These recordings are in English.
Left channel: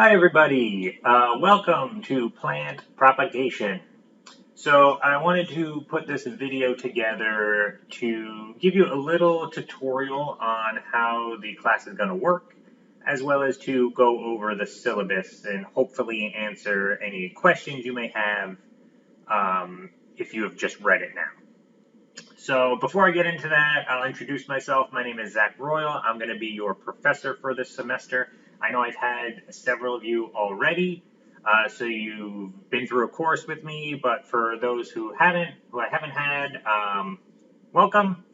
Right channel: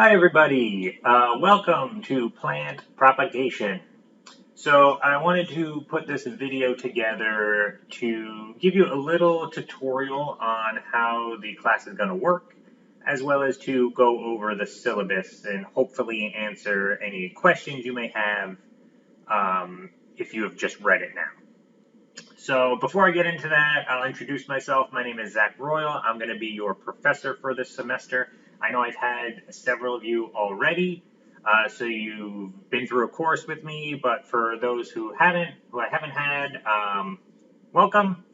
Hi everybody, welcome to Plant Propagation. So I wanted to put this video together to give you a little tutorial on how the class is going to work, as well as to go over the syllabus and hopefully answer any questions you may have if you have just read it now. So before I get into that, I'll introduce myself. My name is Zach Royal. I'm going to be your professor for this semester. I know I've had several of you already, so you've been through a course with me, but for those who I haven't had, welcome.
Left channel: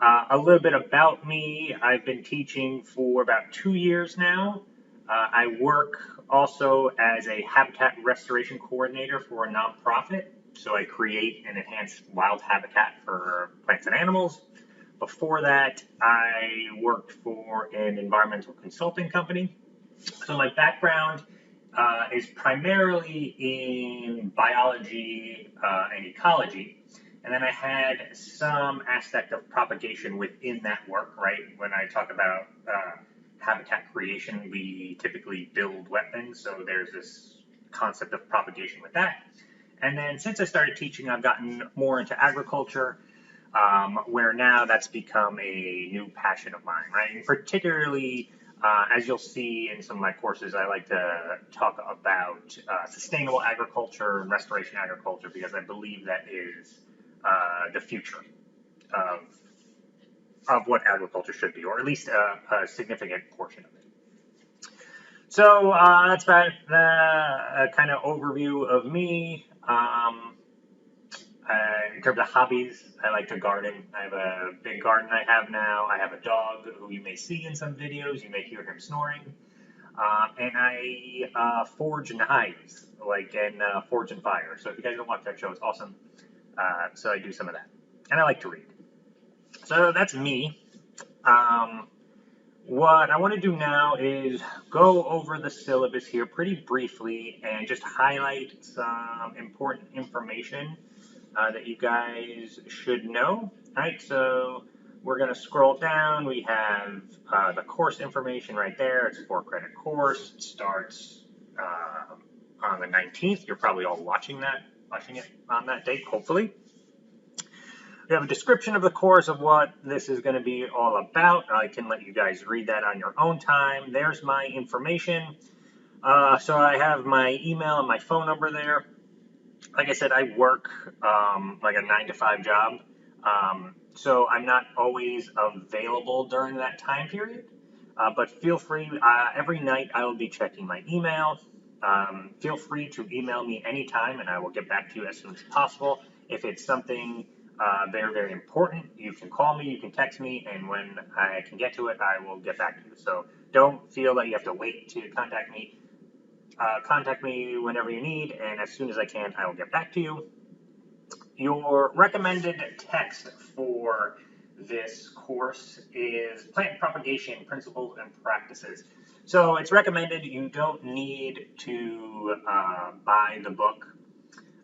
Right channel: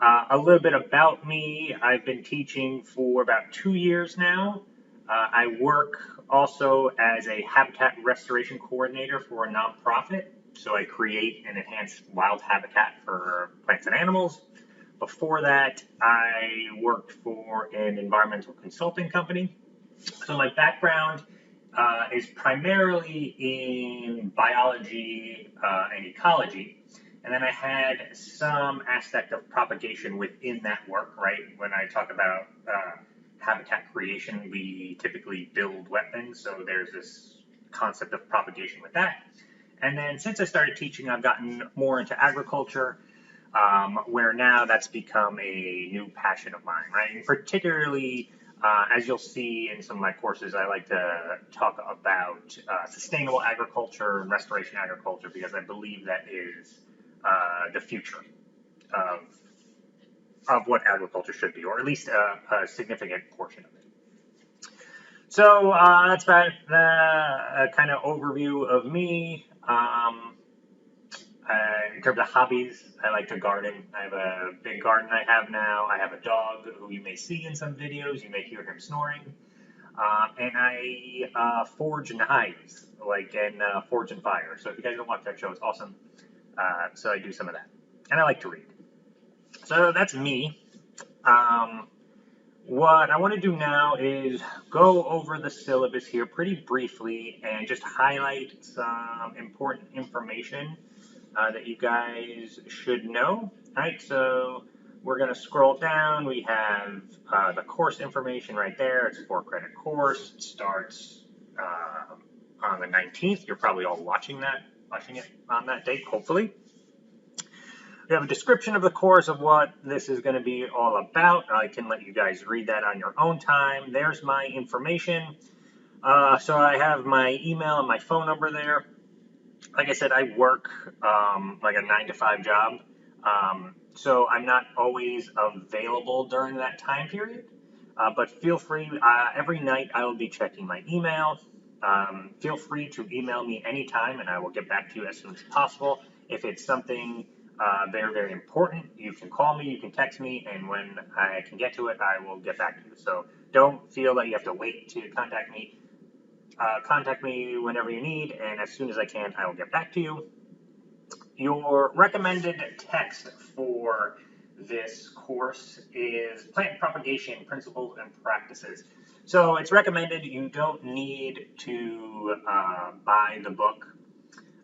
A little bit about me. I've been teaching for about 2 years now. I work also as a habitat restoration coordinator for a nonprofit. So I create and enhance wild habitat for plants and animals. Before that, I worked for an environmental consulting company. So my background is primarily in biology and ecology. And then I had some aspect of propagation within that work, right? When I talk about habitat creation, we typically build wetlands. So there's this concept of propagation with that. And then since I started teaching, I've gotten more into agriculture, where now that's become a new passion of mine, right? And particularly, as you'll see in some of my courses, I like to talk about sustainable agriculture and restoration agriculture because I believe that is the future of what agriculture should be, or at least a significant portion of it. So that's about the kind of overview of me. In terms of hobbies, I like to garden. I have a big garden I have now. I have a dog who you may see in some videos. You may hear him snoring. And I forge knives, like in Forge and Fire. So if you guys don't watch that show, it's awesome. So I do some of that. And I like to read. So that's me. What I want to do now is go over the syllabus here pretty briefly and just highlight some important information that you guys should know. All right, so we're going to scroll down. We have the course information right there. It's a 4-credit course. It starts on the 19th. You're probably all watching it on that date, hopefully. We have a description of the course of what this is going to be all about. I can let you guys read that on your own time. There's my information. So I have my email and my phone number there. Like I said, I work like a 9-to-5 job. So I'm not always available during that time period. But feel free, every night I will be checking my email. Feel free to email me anytime and I will get back to you as soon as possible. If it's something very, very important, you can call me, you can text me, and when I can get to it, I will get back to you. So don't feel that you have to wait to contact me. Contact me whenever you need, and as soon as I can, I will get back to you. Your recommended text for this course is Plant Propagation Principles and Practices. So it's recommended. You don't need to buy the book.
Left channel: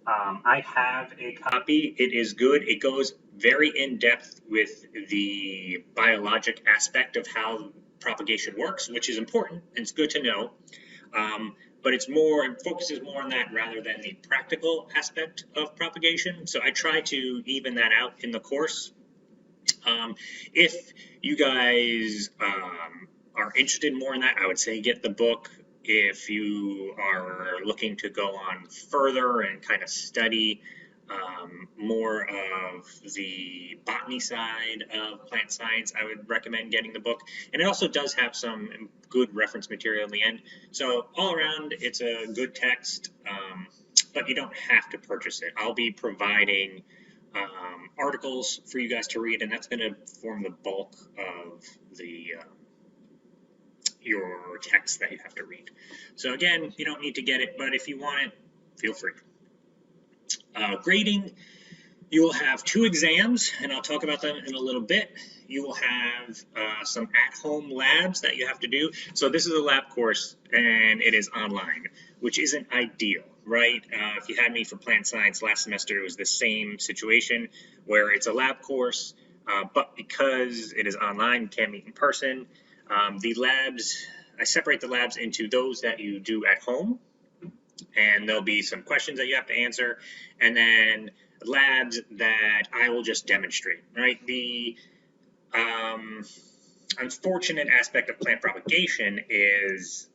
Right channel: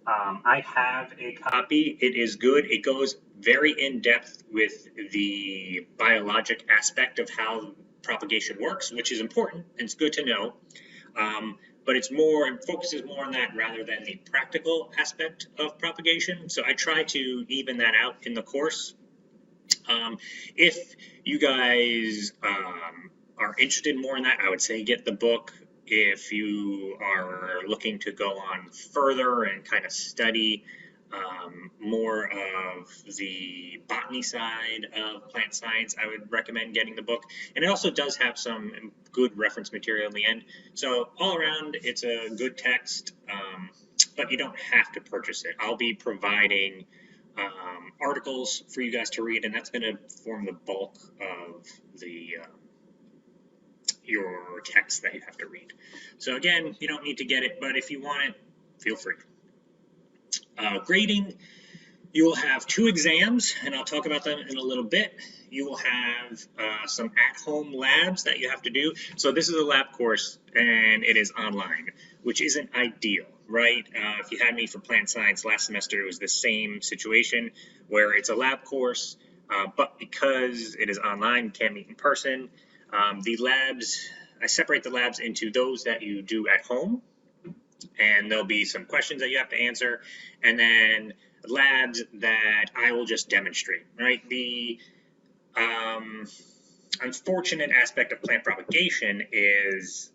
I have a copy. It is good. It goes very in depth with the biologic aspect of how propagation works, which is important. And it's good to know. But it focuses more on that rather than the practical aspect of propagation. So I try to even that out in the course. If you guys are interested more in that, I would say get the book. If you are looking to go on further and kind of study more of the botany side of plant science, I would recommend getting the book. And it also does have some good reference material in the end. So all around, it's a good text, but you don't have to purchase it. I'll be providing articles for you guys to read, and that's going to form the bulk of your text that you have to read. So again, you don't need to get it, but if you want it, feel free. Grading, you will have 2 exams, and I'll talk about them in a little bit. You will have some at-home labs that you have to do. So this is a lab course, and it is online, which isn't ideal, right? If you had me for plant science last semester, it was the same situation where it's a lab course, but because it is online, you can't meet in person. The labs I separate the labs into those that you do at home, and there'll be some questions that you have to answer, and then labs that I will just demonstrate, right? The um, unfortunate aspect of plant propagation is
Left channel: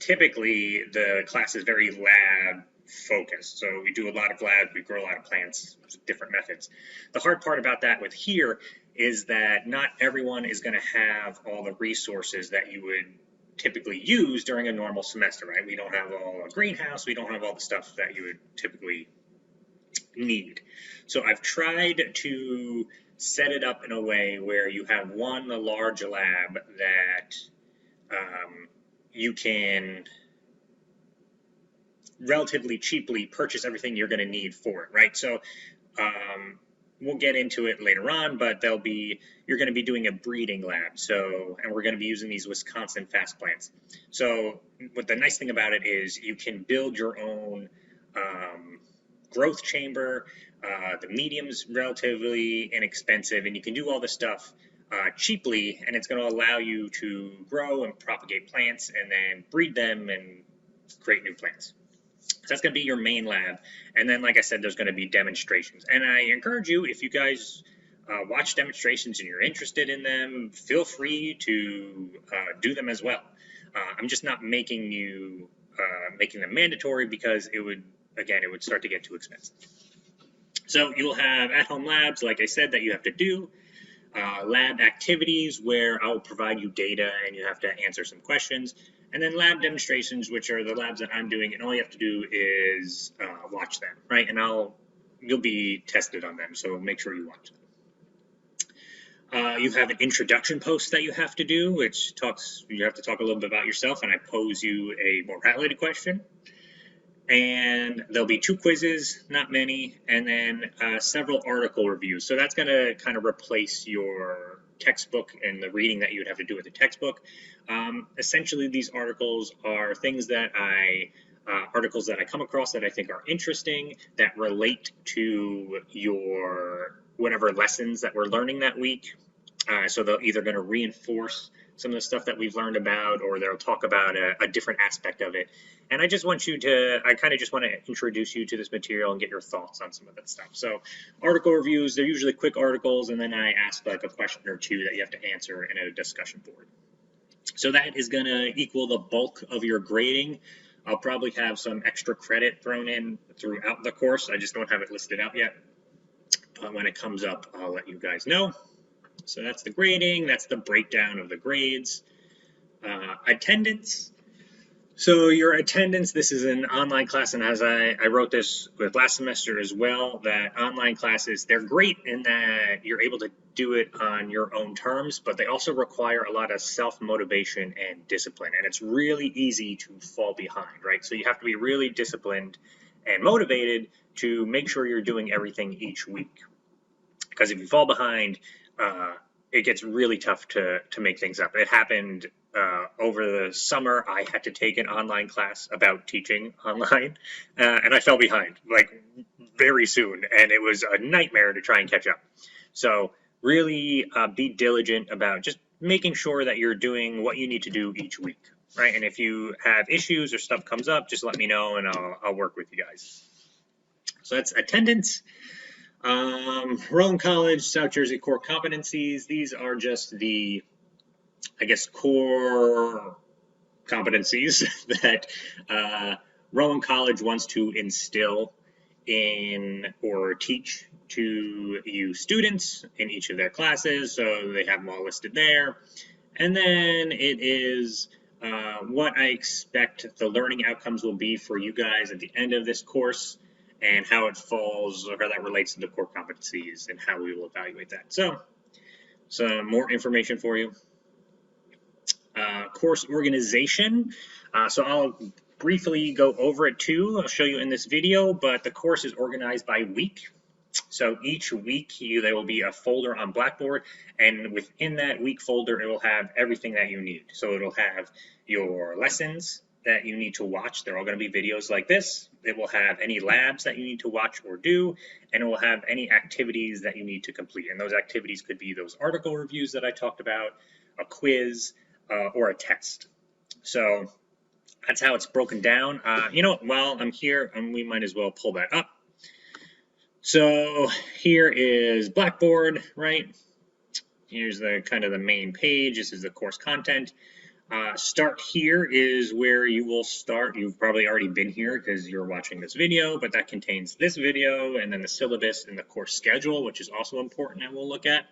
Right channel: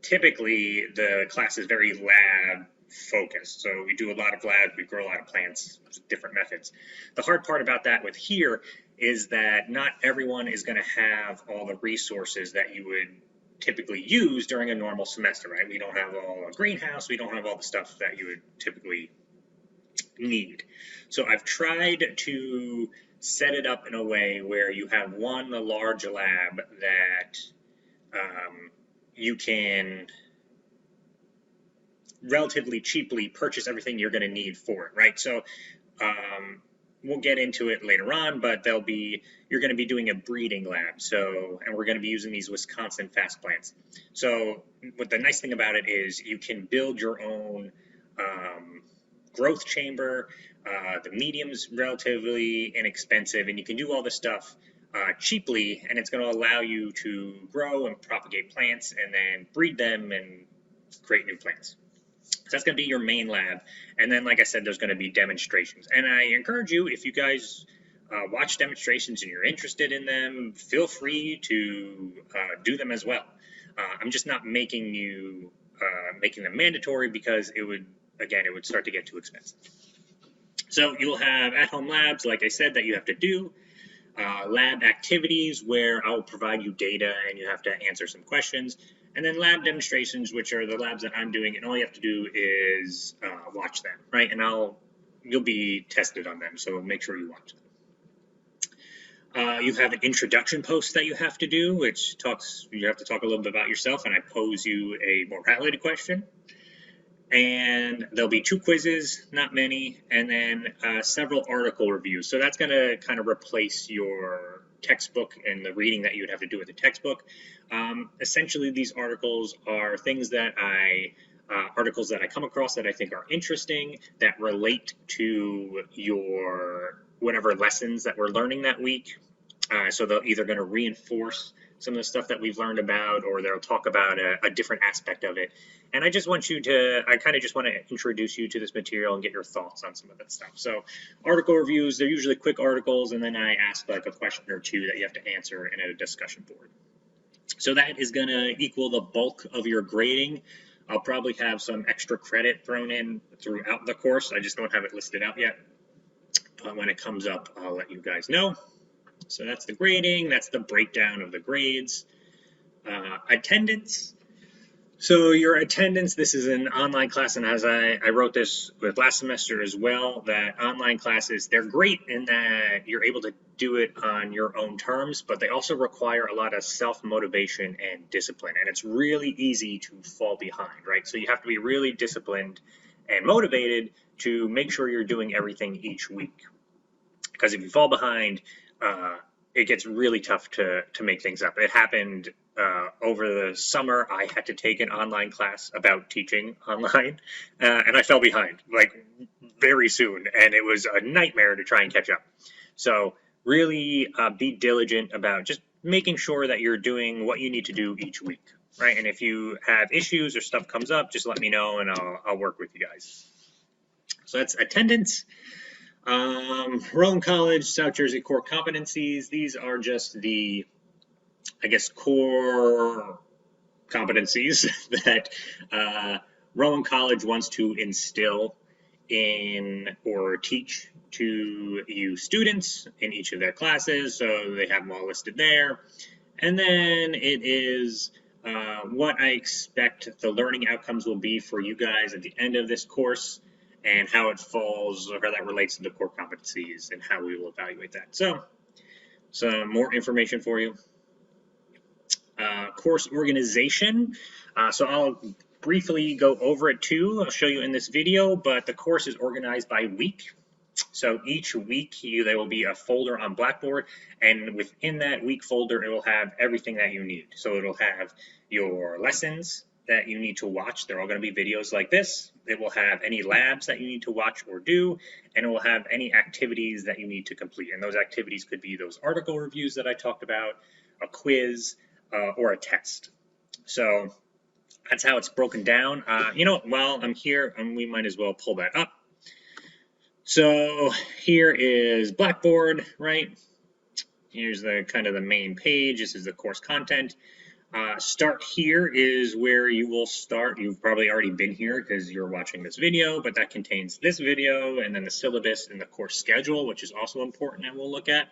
typically the class is very lab focused. So we do a lot of labs, we grow a lot of plants, different methods. The hard part about that with here is that not everyone is going to have all the resources that you would typically use during a normal semester, right? We don't have all a greenhouse, we don't have all the stuff that you would typically need. So I've tried to set it up in a way where you have one large lab that you can relatively cheaply purchase everything you're going to need for it, right? So um, we'll get into it later on, but you're going to be doing a breeding lab. So, and we're going to be using these Wisconsin fast plants. So what the nice thing about it is you can build your own growth chamber. The medium's relatively inexpensive, and you can do all this stuff cheaply, and it's going to allow you to grow and propagate plants and then breed them and create new plants. So that's going to be your main lab. And then, like I said, there's going to be demonstrations. And I encourage you, if you guys watch demonstrations and you're interested in them, feel free to do them as well. I'm just not making them mandatory because it would start to get too expensive. So you'll have at-home labs, like I said, that you have to do. Lab activities where I'll provide you data and you have to answer some questions. And then lab demonstrations, which are the labs that I'm doing, and all you have to do is watch them, right? And you'll be tested on them, so make sure you watch them. You have an introduction post that you have to do, you have to talk a little bit about yourself, and I pose you a morality question. And there'll be 2 quizzes, not many, and then several article reviews. So that's going to kind of replace your textbook and the reading that you would have to do with the textbook. Essentially, these articles are articles that I come across that I think are interesting, that relate to your whatever lessons that we're learning that week. So they're either going to reinforce some of the stuff that we've learned about, or they'll talk about a different aspect of it. And I kind of just want to introduce you to this material and get your thoughts on some of that stuff. So article reviews, they're usually quick articles, and then I ask like a question or two that you have to answer in a discussion board. So that is going to equal the bulk of your grading. I'll probably have some extra credit thrown in throughout the course. I just don't have it listed out yet. When it comes up, I'll let you guys know. So that's the grading, that's the breakdown of the grades. Attendance. So your attendance, this is an online class, and as I wrote this with last semester as well, that online classes, they're great in that you're able to do it on your own terms, but they also require a lot of self-motivation and discipline, and it's really easy to fall behind, right? So you have to be really disciplined and motivated to make sure you're doing everything each week. Because if you fall behind, it gets really tough to make things up. It happened over the summer. I had to take an online class about teaching online, and I fell behind like very soon, and it was a nightmare to try and catch up. So really be diligent about just making sure that you're doing what you need to do each week, right? And if you have issues or stuff comes up, just let me know, and I'll work with you guys. So that's attendance. Rowan College, South Jersey core competencies. These are just the, I guess, core competencies that Rowan College wants to instill in or teach to you students in each of their classes. So they have them all listed there. And then it is what I expect the learning outcomes will be for you guys at the end of this course, and how it falls or how that relates to the core competencies and how we will evaluate that. So some more information for you. Course organization. So I'll briefly go over it too. I'll show you in this video, but the course is organized by week. So each week there will be a folder on Blackboard, and within that week folder it will have everything that you need. So it'll have your lessons that you need to watch. They're all going to be videos like this. It will have any labs that you need to watch or do, and it will have any activities that you need to complete. And those activities could be those article reviews that I talked about, a quiz, or a test. So that's how it's broken down. While I'm here, we might as well pull that up. So here is Blackboard, right? Here's the kind of the main page. This is the course content. Start here is where you will start. You've probably already been here because you're watching this video, but that contains this video and then the syllabus and the course schedule, which is also important and we'll look at.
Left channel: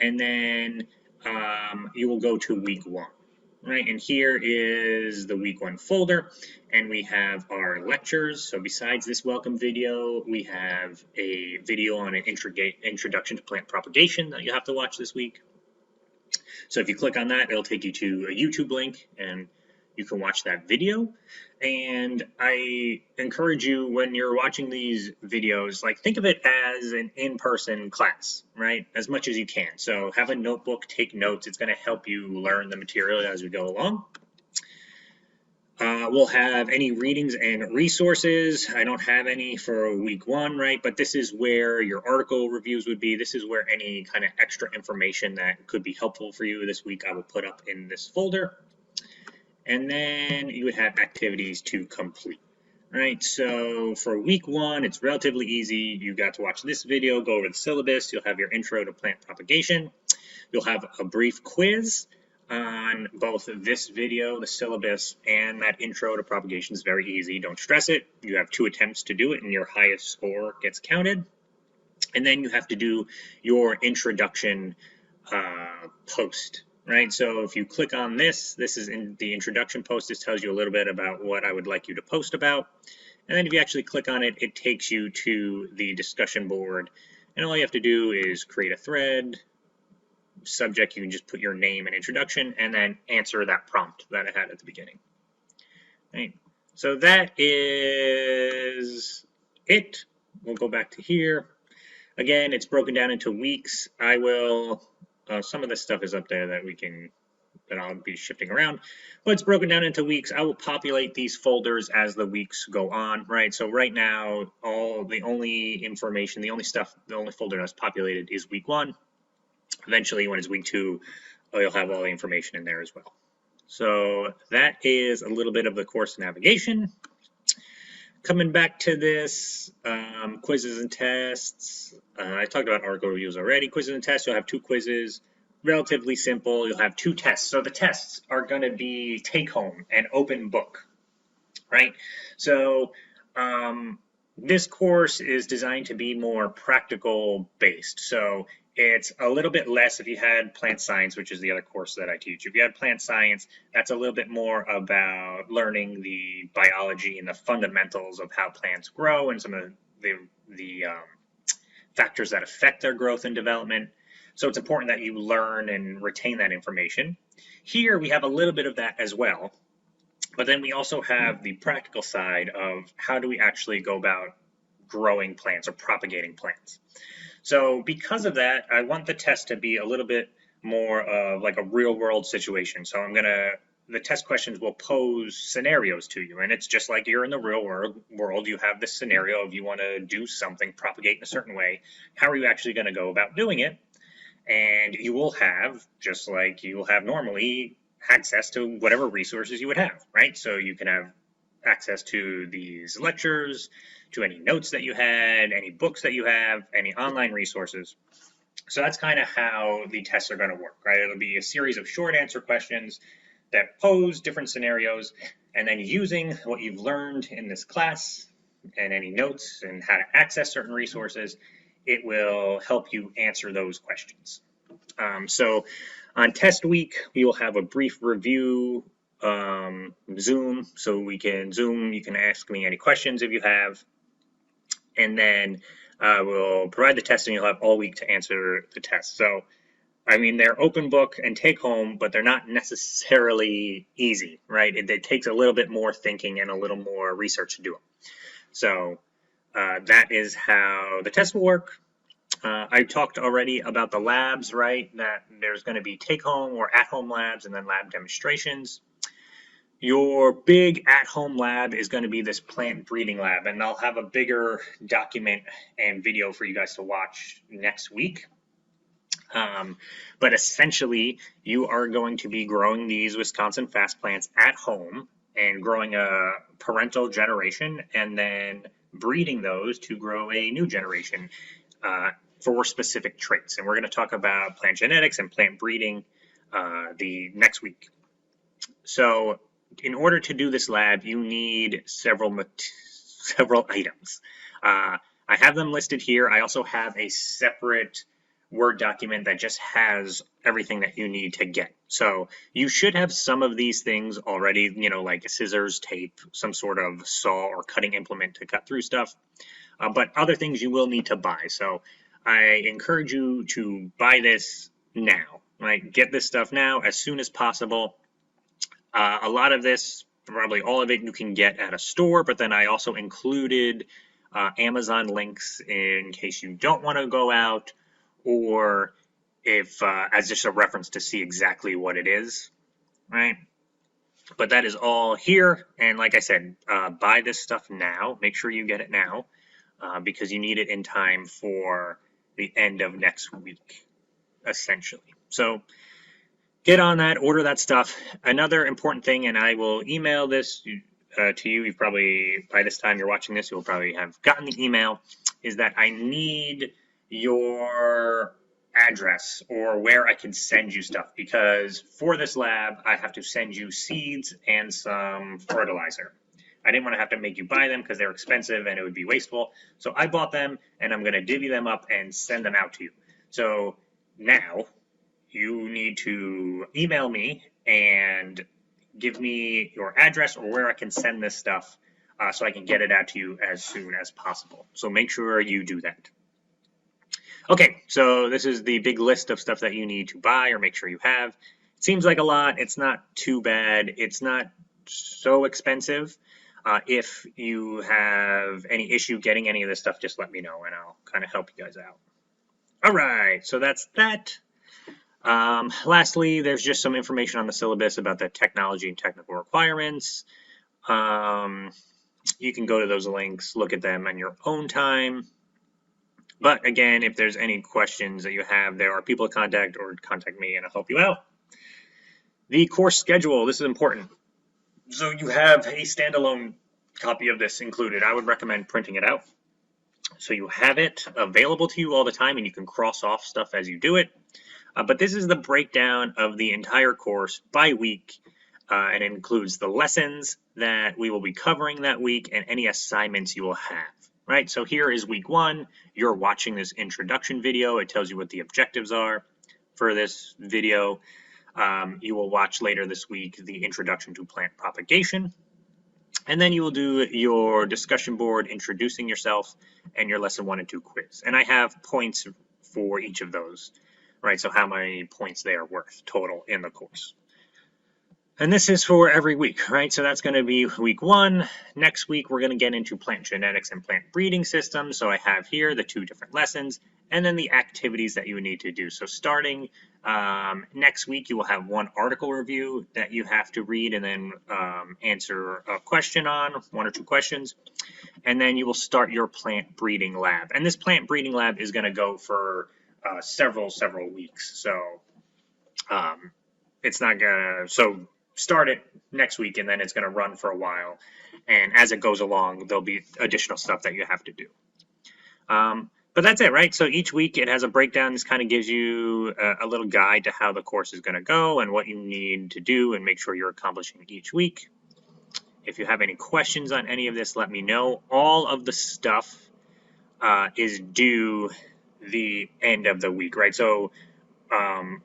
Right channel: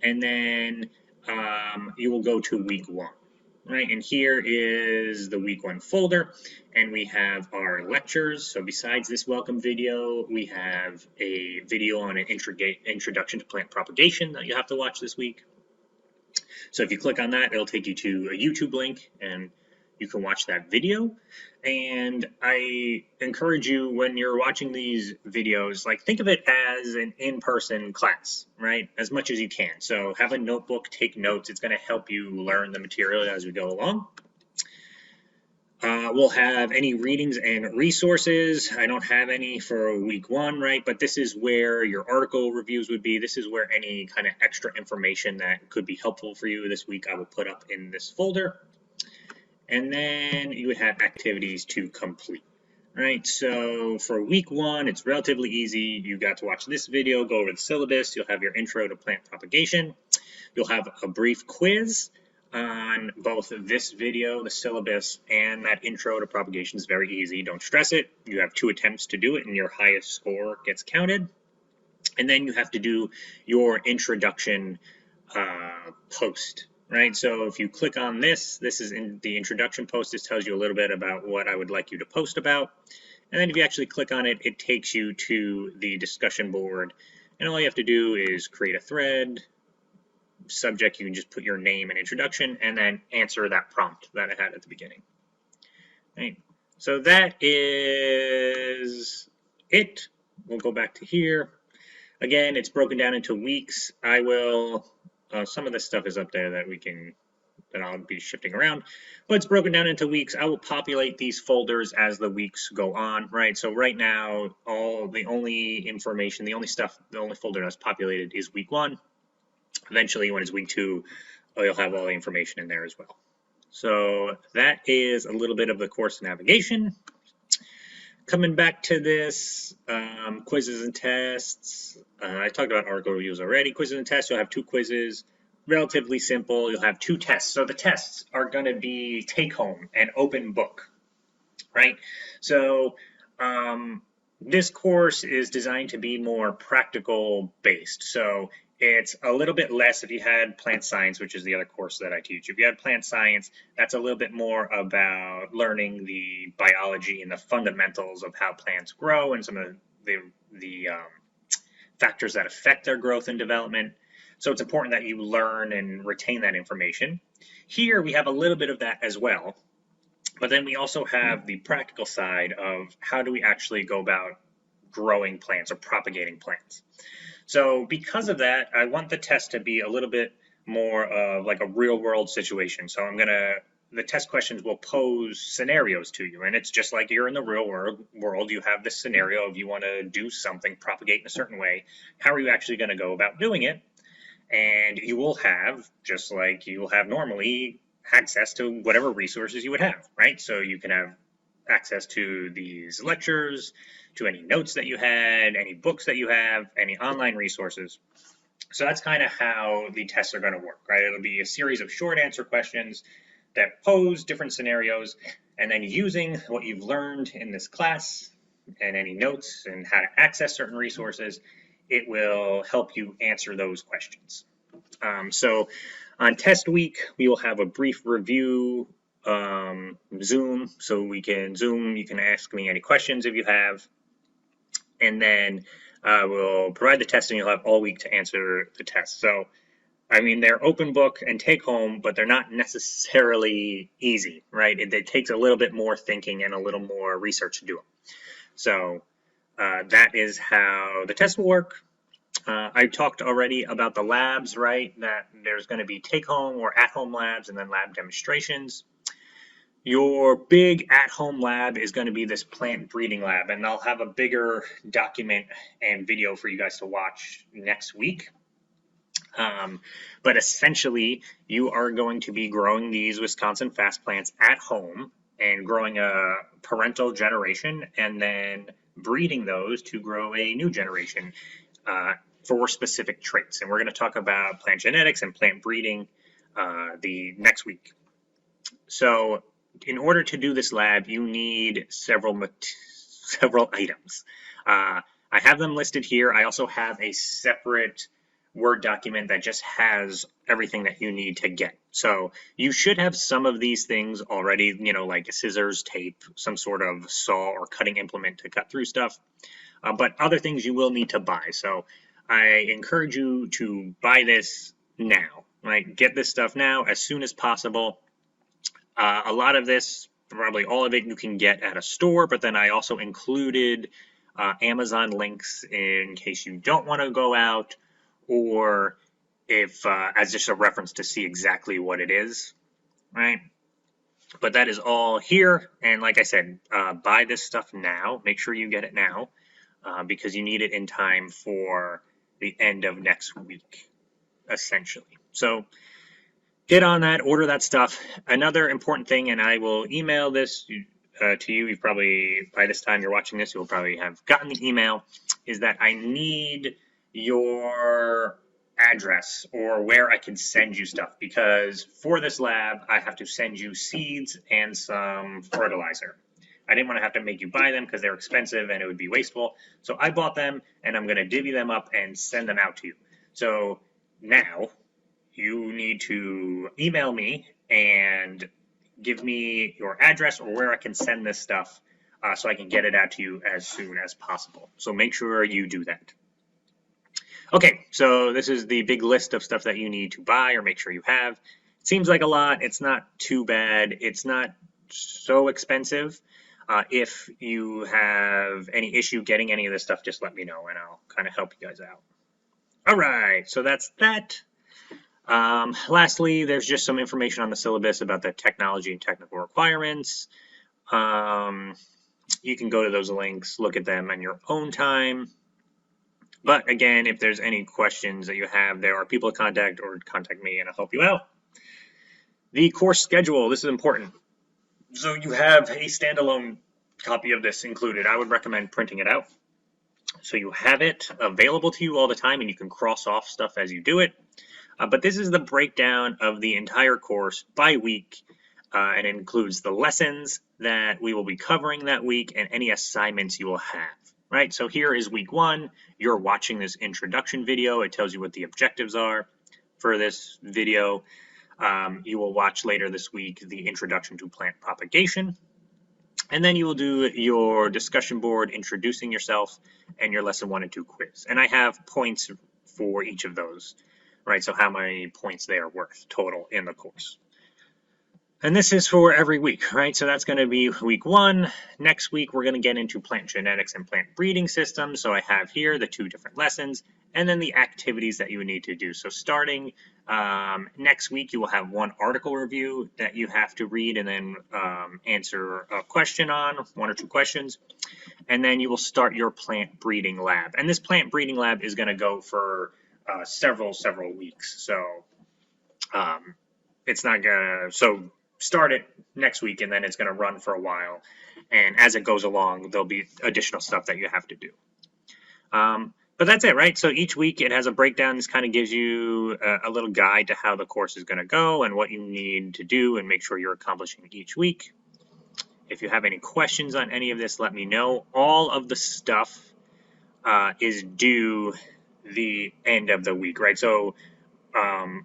And then you will go to week 1. Right, and here is the week 1 folder, and we have our lectures. So besides this welcome video, we have a video on an introduction to plant propagation that you have to watch this week. So if you click on that, it'll take you to a YouTube link, and you can watch that video. And I encourage you, when you're watching these videos, like, think of it as an in-person class, right? As much as you can. So have a notebook, take notes. It's going to help you learn the material as we go along. We'll have any readings and resources. I don't have any for week 1, right? But this is where your article reviews would be. This is where any kind of extra information that could be helpful for you this week I will put up in this folder. And then you would have activities to complete. Right, so for week 1, it's relatively easy. You got to watch this video, go to the syllabus. You'll have your intro to plant propagation. You'll have a brief quiz on both this video, the syllabus, and that intro to propagation is very easy. Don't stress it. You have 2 attempts to do it, and your highest score gets counted. And then you have to do your introduction post, right? So if you click on this is in the introduction post. This tells you a little bit about what I would like you to post about. And then if you actually click on it, it takes you to the discussion board. And all you have to do is create a thread. Subject, you can just put your name and introduction, and then answer that prompt that I had at the beginning. Right? So that is it. We'll go back to here. Again, it's broken down into weeks. I will, some of this stuff is up there that I'll be shifting around, but it's broken down into weeks. I will populate these folders as the weeks go on, right? So right now, the only folder that's populated is week 1. Eventually, when it's week 2, you'll have all the information in there as well. So that is a little bit of the course navigation. Coming back to this, quizzes and tests. I talked about article reviews already. Quizzes and tests, you'll have 2 quizzes. Relatively simple. You'll have 2 tests. So the tests are going to be take-home and open book, right? So this course is designed to be more practical based. So it's a little bit less if you had plant science, which is the other course that I teach. If you had plant science, that's a little bit more about learning the biology and the fundamentals of how plants grow and some of the factors that affect their growth and development. So it's important that you learn and retain that information. Here we have a little bit of that as well. But then we also have the practical side of how do we actually go about growing plants or propagating plants. So because of that, I want the test to be a little bit more like a real world situation. So the test questions will pose scenarios to you, and it's just like you're in the real world. You have this scenario of you want to do something, propagate in a certain way. How are you actually going to go about doing it? And you will have, just like you will have normally, access to whatever resources you would have, right? So you can have access to these lectures, to any notes that you had, any books that you have, any online resources. So that's kind of how the tests are going to work, right? It'll be a series of short answer questions that pose different scenarios, and then using what you've learned in this class and any notes and how to access certain resources, it will help you answer those questions. So on test week, we will have a brief review Zoom, so we can Zoom, you can ask me any questions if you have, and then we'll provide the test and you'll have all week to answer the test. So, I mean, they're open book and take home, but they're not necessarily easy, right? It takes a little bit more thinking and a little more research to do them. So that is how the test will work. I talked already about the labs, right? That there's going to be take-home or at-home labs and then lab demonstrations. Your big at-home lab is going to be this plant breeding lab, and I'll have a bigger document and video for you guys to watch next week. But essentially, you are going to be growing these Wisconsin fast plants at home and growing a parental generation and then breeding those to grow a new generation for specific traits. And we're going to talk about plant genetics and plant breeding the next week. So, in order to do this lab, you need several items. I have them listed here. I also have a separate Word document that just has everything that you need to get. So you should have some of these things already, like scissors, tape, some sort of saw or cutting implement to cut through stuff. But other things you will need to buy. So I encourage you to buy this now, right? Get this stuff now as soon as possible. A lot of this, probably all of it, you can get at a store, but then I also included Amazon links in case you don't want to go out, or if as just a reference to see exactly what it is, right? But that is all here, and like I said, buy this stuff now. Make sure you get it now, because you need it in time for the end of next week, essentially. So get on that, order that stuff. Another important thing, and I will email this to you. You probably, by this time you're watching this, you'll probably have gotten the email, is that I need your address or where I can send you stuff, because for this lab, I have to send you seeds and some fertilizer. I didn't want to have to make you buy them because they're expensive and it would be wasteful. So I bought them and I'm going to divvy them up and send them out to you. So now you need to email me and give me your address or where I can send this stuff so I can get it out to you as soon as possible. So make sure you do that. Okay, so this is the big list of stuff that you need to buy or make sure you have. Seems like a lot. It's not too bad. It's not so expensive. If you have any issue getting any of this stuff, just let me know and I'll kind of help you guys out. All right, so that's that. Lastly, there's just some information on the syllabus about the technology and technical requirements. You can go to those links, look at them at your own time. But again, if there's any questions that you have, there are people to contact or contact me and I'll help you out. The course schedule, this is important. So you have a standalone copy of this included. I would recommend printing it out. So you have it available to you all the time and you can cross off stuff as you do it. But this is the breakdown of the entire course by week. It includes the lessons that we will be covering that week and any assignments you will have, right? So here is week 1. You're watching this introduction video. It tells you what the objectives are for this video. You will watch later this week the introduction to plant propagation. And then you will do your discussion board introducing yourself and your lesson 1 and 2 quiz. And I have points for each of those. Right, so how many points they are worth total in the course. And this is for every week, right? So that's going to be week 1. Next week, we're going to get into plant genetics and plant breeding systems. So I have here the 2 different lessons and then the activities that you would need to do. So starting next week, you will have 1 article review that you have to read and then answer a question on, 1 or 2 questions. And then you will start your plant breeding lab. And this plant breeding lab is going to go for several weeks. So it's not gonna, so start it next week and then it's gonna run for a while. And as it goes along, there'll be additional stuff that you have to do. But that's it, right? So each week it has a breakdown. This kind of gives you a little guide to how the course is gonna go and what you need to do and make sure you're accomplishing each week. If you have any questions on any of this, let me know. All of the stuff is due the end of the week, right? So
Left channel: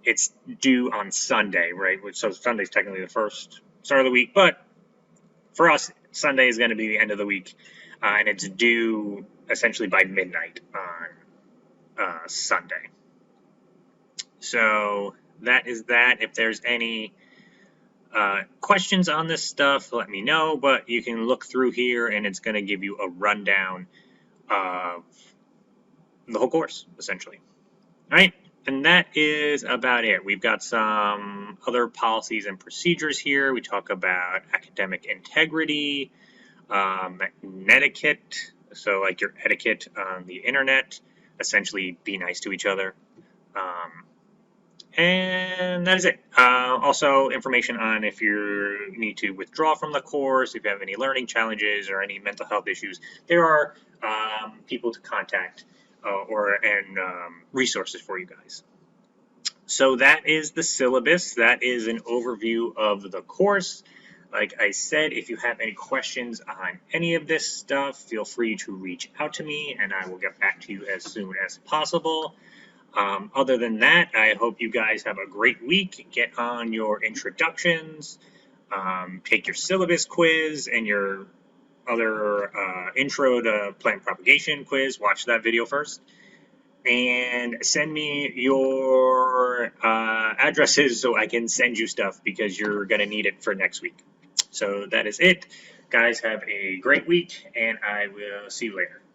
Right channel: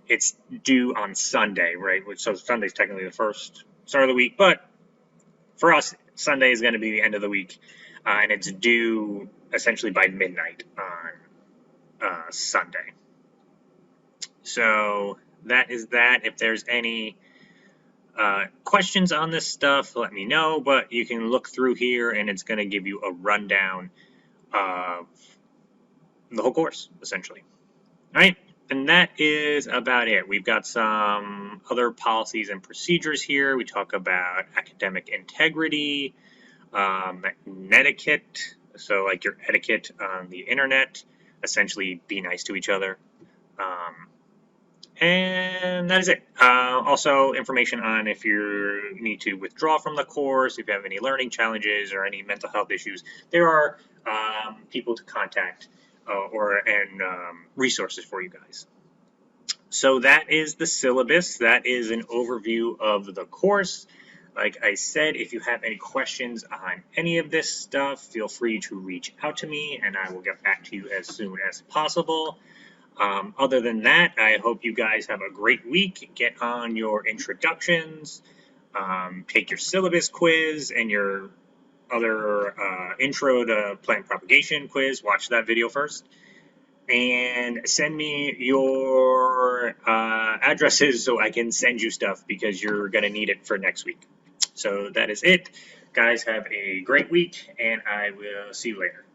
it's due on Sunday, right? So Sunday is technically the first start of the week, but for us, Sunday is going to be the end of the week, and it's due essentially by midnight on Sunday. So that is that. If there's any questions on this stuff, let me know, but you can look through here and it's going to give you a rundown of the whole course, essentially. All right, and that is about it. We've got some other policies and procedures here. We talk about academic integrity, etiquette, so like your etiquette on the internet, essentially be nice to each other. And that is it. Also, information on if you need to withdraw from the course, if you have any learning challenges or any mental health issues, there are people to contact and resources for you guys. So that is the syllabus. That is an overview of the course. Like I said, if you have any questions on any of this stuff, feel free to reach out to me and I will get back to you as soon as possible. Other than that, I hope you guys have a great week. Get on your introductions, take your syllabus quiz and your other intro to plant propagation quiz. Watch that video first. And send me your addresses so I can send you stuff because you're going to need it for next week. So that is it. Guys, have a great week, and I will see you later.